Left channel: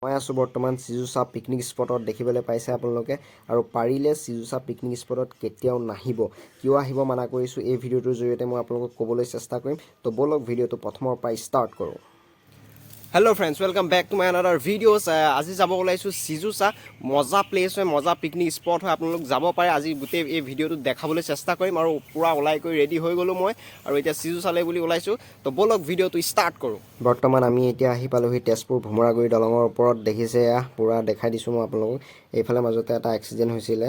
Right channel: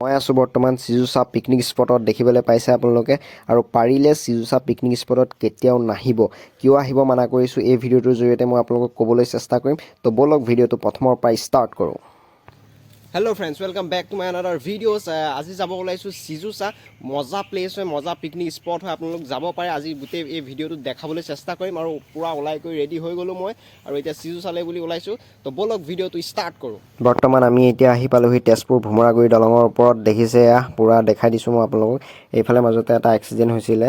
মই আছোঁ বৰ্তমান চিজুচা পিকনিক স্পটত দেখিবলৈ পাইছে আপোনালোকে আৰু পাৰিলে চিজুচা পিকনিক স্পটত কেতিয়াও নাহিব কিয় আহিব মানা কৰিছোঁ এই ভিডিঅ'টোৰ জৰিয়তে মই আপোনালোকক ক'বলৈ চেষ্টা কৰিম তো বলক ভিডিঅ'টো প্ৰথমৰ পৰা ষ্টাৰ্ট কৰোঁ hello' friends welcome back to my another videos আজি যাব ওলাইছোঁ চিজুচা মজা প্লেচ হয় মজা পিকনিক স্পট হয় আপোনালোক যাব পাৰে আজি গোটেই এই ভিডিঅ'টো দেখাবলৈ চেষ্টা কৰিম আৰু পূৰা ওলাই কৰি ৰেডি হৈ গ'লোঁ মই আৰু এতিয়া চিজুচালৈ বুলি ওলাইছোঁ তো বলক ভিডিঅ'টো ষ্টাৰ্ট কৰোঁ বৰ্তমান আমি এতিয়া আহি পালোহি তেজপুৰ ভোমৰাগুৰি দলঙৰ ওপৰত দেখিছে এয়া পূৰা দেখাই দিছোঁ মই আপোনালোকক এইফালে মাজতে এটা এক্সিডেণ্ট হৈছিলে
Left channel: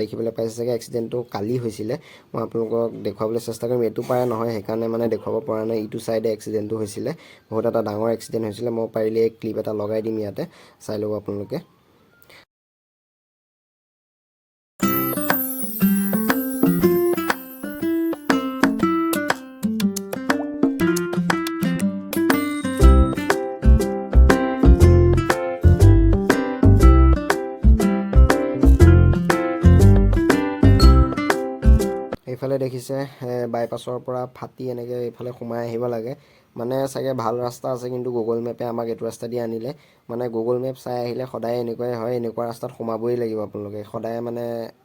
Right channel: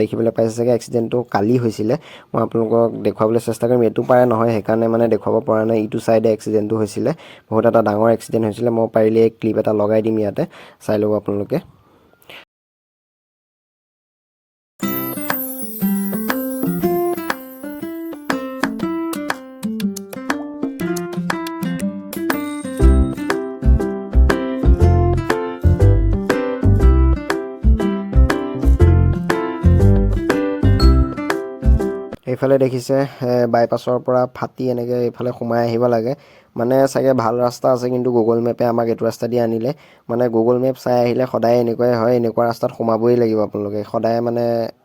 দেখিবলৈ পাইছে চাগে এক্সিডেণ্টটো কালি হৈছিলে মই আপোনালোকক দেখুৱাবলৈ চেষ্টা কৰিম এইটো পাৰে নহয় সেইকাৰণে মানে দেখুৱাব পৰা নাই ইটো চাইডে এক্সিডেণ্টটো হৈছিলে বহুত এটা ডাঙৰ এক্সিডেণ্ট হৈছিলে মই পাৰিলে ক্লিপ এটা লগাই দিম ইয়াতে চাই ল'ব আপোনালোকে এইফালে দেখিছে বাইপাছৰ পৰা ফাটি এনেকৈ এইফালে সোমাই আহিব লাগে মানে চাগে ভাল ৰাস্তা আছে কিন্তু গুগল মেপে আমাক এইটো ৰাস্তা দি আনিলে মানে গুগল মেপ চাই আহিলে সদায় এনেকুৱাই হয় এনেকুৱা ৰাস্তাত সোমাবই লাগিব আপোনালোকে সদায় মানে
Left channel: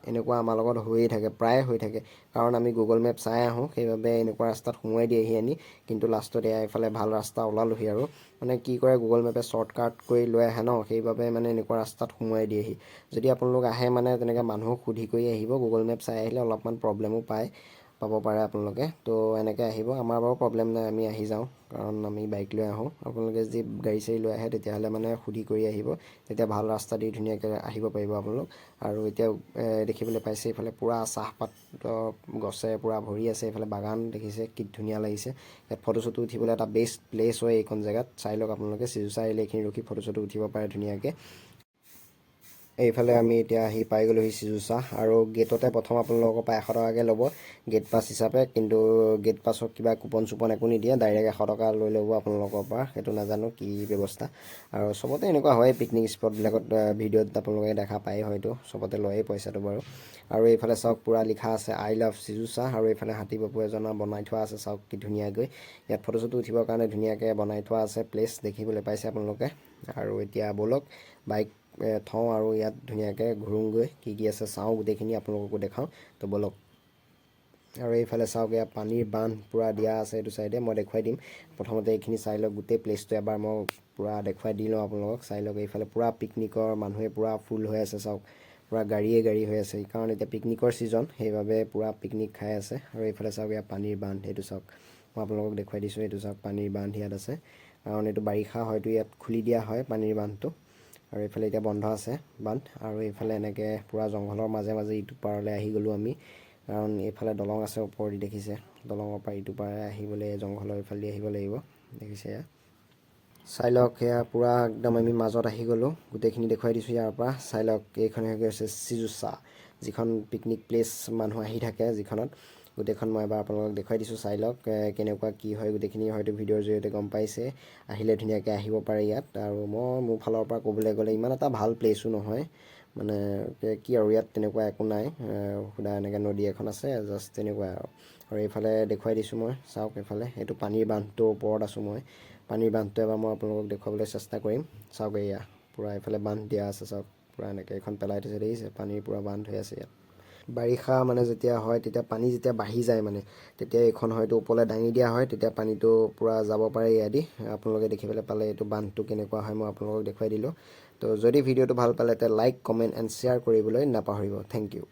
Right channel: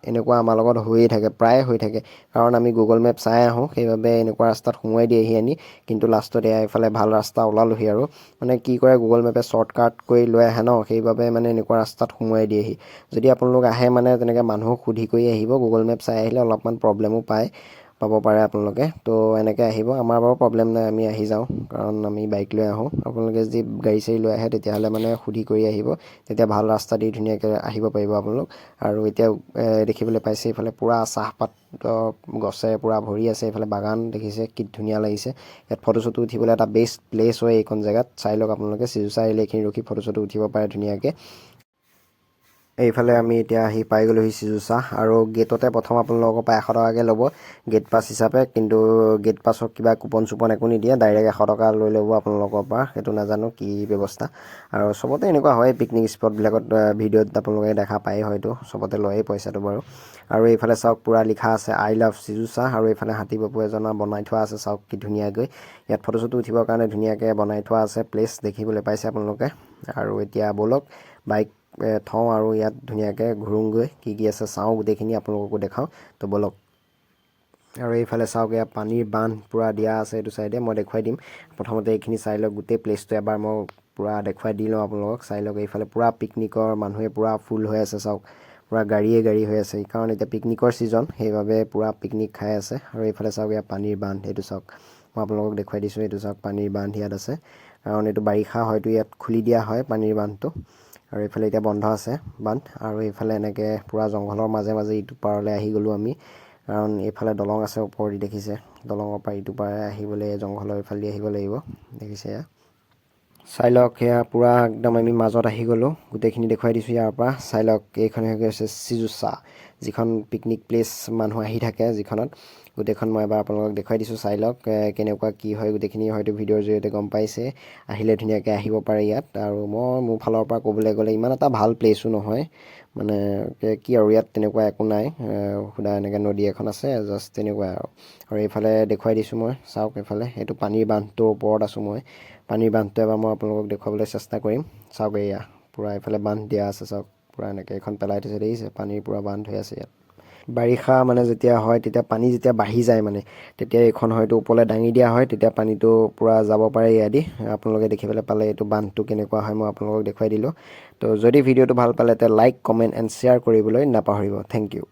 এনেকুৱা আমাৰ লগত হৈয়ে থাকে প্ৰায় হৈ থাকে কাৰণ আমি গুগল মেপ চাই আহোঁ সেইবাবে এনেকুৱা ৰাস্তাত সোমোৱাই দিয়েহি আনি কিন্তু লাষ্টত এয়া এইফালে ভাল ৰাস্তা ওলালোহি আৰু মানে কি কৰে গুগল মেপে শ্বৰ্টকাট কৰি লৈ আহে ন সেইবাবে মানে এনেকুৱা ৰাস্তাত সোমোৱাই দিয়েহি যদি আপোনালোক আহে মানে তেনেকৈ মানুহক সুধি কৰি আহিব গুগল মেপ চাই আহিলে অলপমান প্ৰব্লেমো পাব পাৰে আপোনালোকে তো এনেকৈ আহিব আমাৰ বাৰু প্ৰব্লেম নাই আমি আহি যাওঁ কাৰণ আমি বাইক লৈ আহোঁ আপোনালোকে যদি গাড়ী চাড়ী লৈ আহে তেতিয়াহ'লে মানে সুধি কৰি আহিব তেতিয়া ভাল ৰাস্তা দি ধুনীয়াকৈ আহিব পাৰিব আপোনালোক আৰু এতিয়া দেখিবলৈ পাইছে এইফালে পূৰা চাহপাত গছে পূৰা ভৰি আছে এইফালে বাগান দেখিছে কি ধুনীয়া লাগিছে ইয়াত ফটো চটো উঠিবলৈ এটা বেষ্ট প্লেচ হয় এইখন জেগাত চাই লওক আপোনালোকে চিজুচা আহিলে এইখিনি ৰখি ফটো চটো উঠিব পাৰে ধুনীয়াকৈ এইফালে আমি এতিয়া আহি পাই গ'লোহি চিজুচা আৰু গেটতে প্ৰথম আপোনালোকৰ পৰা 100 টকাকৈ ল'ব গেট পাছ হিচাপে কিন্তু গেট পাছত কিবা কুপন চুপন একো নিদিয়ে ডাইৰেক্ট 100 টকা লৈ ল'ব আপোনালোকৰ পৰা সেইটো নাজানো কি ব্যৱস্থা আৰু চবতে এনেকুৱা হয় পিকনিক স্পটবিলাকত ভিডিঅ'ত আপোনালোকে দেখা পায় হয়তো চবতে লয়েই পইচাটো বাৰু আৰু এইফালে চাওক পূৰা লিখা আছে আই লাভ চিজুচা আৰু এইফালে হাতী বাপু এজনৰ বনাই থোৱা আছে চাওক কি ধুনীয়াকৈ ইয়াত ফটো চটো উঠিবৰ কাৰণে ধুনীয়াকৈ বনাই থোৱা আছে প্লেচ দেখিবলৈ পাইছে আপোনালোকে আৰু এতিয়া ব'লক বাইক থওঁ আৰু ইয়াত ধুনীয়াকৈ ঘূৰোঁগৈ কি আছে চাওঁ গোটেইখিনি আপোনালোককো দেখাওঁ তো ব'লক আৰু এইফালে চাওক এয়া পানীৰ বান্ধ পূৰা দিয়া আছে এইটো চাইডে মই দেখুৱাই দিম প্ৰথমতে এইখিনি চাই লওক গোটেই প্লেচটো এবাৰ মই পূৰা দেখুৱাই দি লওঁ আপোনালোকক চাই লওক এইফালে পূৰা পিকনিকৰ মানুহে পূৰা ফুল হৈ আছে চাওক পূৰা গাড়ীয়ে গাড়ী হৈ আছে কাৰণ এতিয়া পিকনিকৰ ছিজন সেইবাবে পূৰা পিকনিক খাই আছে আৰু এইফালে চাওক এয়া পানীৰ বান্ধ এইটো চাওক মই আপোনালোকক দেখুৱাই দিছোঁ এইটো চাওক পানীৰ বান্ধ ইয়াত আছে কাৰণ এইটো বাৰিষা হয়তো ইয়াত খুলি দিয়া হয় পানীৰ বান্ধটো আৰু এইফালে এতিয়া বন্ধ আছে বান্ধ আৰু এইফালে এনেকৈ পূৰা জংঘলৰ মাজে মাজে ইটো পাৰলৈ আহি গ'লোঁ আমি কাৰণ এইফালে দলং আছে ওপৰেদি দেখিছে দলঙৰ পৰা ইটো পাৰে আহিবলৈ জংঘলৰ এইফালেদি আহিব লাগিব দেখিছে এয়া চাই লওক এয়া পূৰা একদম আমি মাজত আহি গ'লোঁ গোটেইখিনি দেখুৱাই দিছোঁ ইয়াৰ পৰা চাই লওক এইখন হৈ গৈছে চিজুচা যিখন পিকনিক প্লেচ মানুহ আহি থাকে যিখনত গোটেইখন মই এবাৰ আপোনালোকক দেখুৱাই দিছোঁ চাই লওক কেনেকুৱা কি হয় গোটেইখিনি হয়তো ভিডিঅ'ৰ জৰিয়তে গম পাইছে আহিলে ধুনীয়াকৈ আহিব পাৰে ইয়াত আৰু মই মোৰ ফালৰ পৰা ক'বলৈ গ'লে ইমান এটা ভাল প্লেচো নহয় মানে কি আৰু ইয়াত তেনেকুৱা একো নাই সুদা এনেকৈ নদী এখন আছে জাষ্ট তেনেকুৱা আৰু এইফালে দেখুৱাই দিছোঁ মই চাওক এইফালে এইটো পানীৰ বান্ধটোৰ ওপৰত আছোঁ মই পানীৰ বান্ধটো এবাৰ মই আপোনালোকক দেখুৱাবলৈ চেষ্টা কৰিম চাওক এয়া পূৰা এইফালে বান্ধ দিয়া আছে চাওক পূৰা এনেকৈ এইখন পেলাই থৈছে দেখিছে পানীৰ পূৰা বান্ধ হৈ আছে ইয়াত বাৰিষা মানে যেতিয়া হয় তেতিয়া পানী যেতিয়া বাঢ়ি যায় মানে তেতিয়া এইখন হয়তো ওপৰলৈ দাঙি দিয়া হয় তেতিয়া পানীটো পূৰা যাব পাৰে ইয়াদি আপোনালোকে দেখিবলৈ পালে এইটো বান্ধটো কেনেকুৱা হয় মই আপোনালোকক দেখুৱাই দিলোঁ তো যদি ভিডিঅ'টো ভাল পালে তে লাইক কমেণ্ট এণ্ড শ্বেয়াৰ কৰিবলৈ নাপাহৰিব থেংক ইউ